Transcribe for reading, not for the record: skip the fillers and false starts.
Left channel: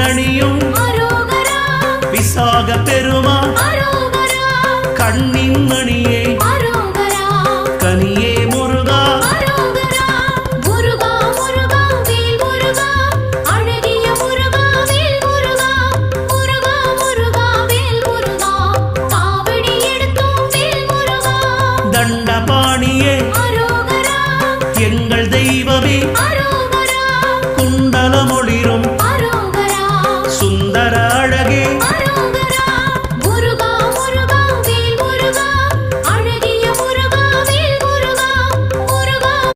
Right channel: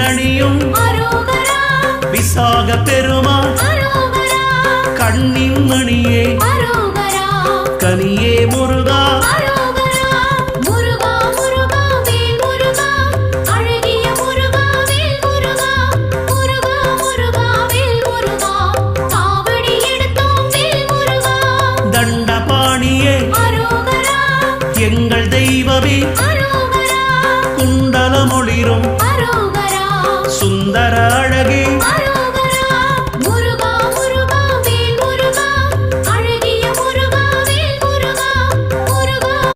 தேரணியும் விசாக பெருமான் கண்ணின் மணியே கனியே முருகா தண்டபாணியே எங்கள் தெய்வமே குண்டலமொளிரும் சுந்தர அழகே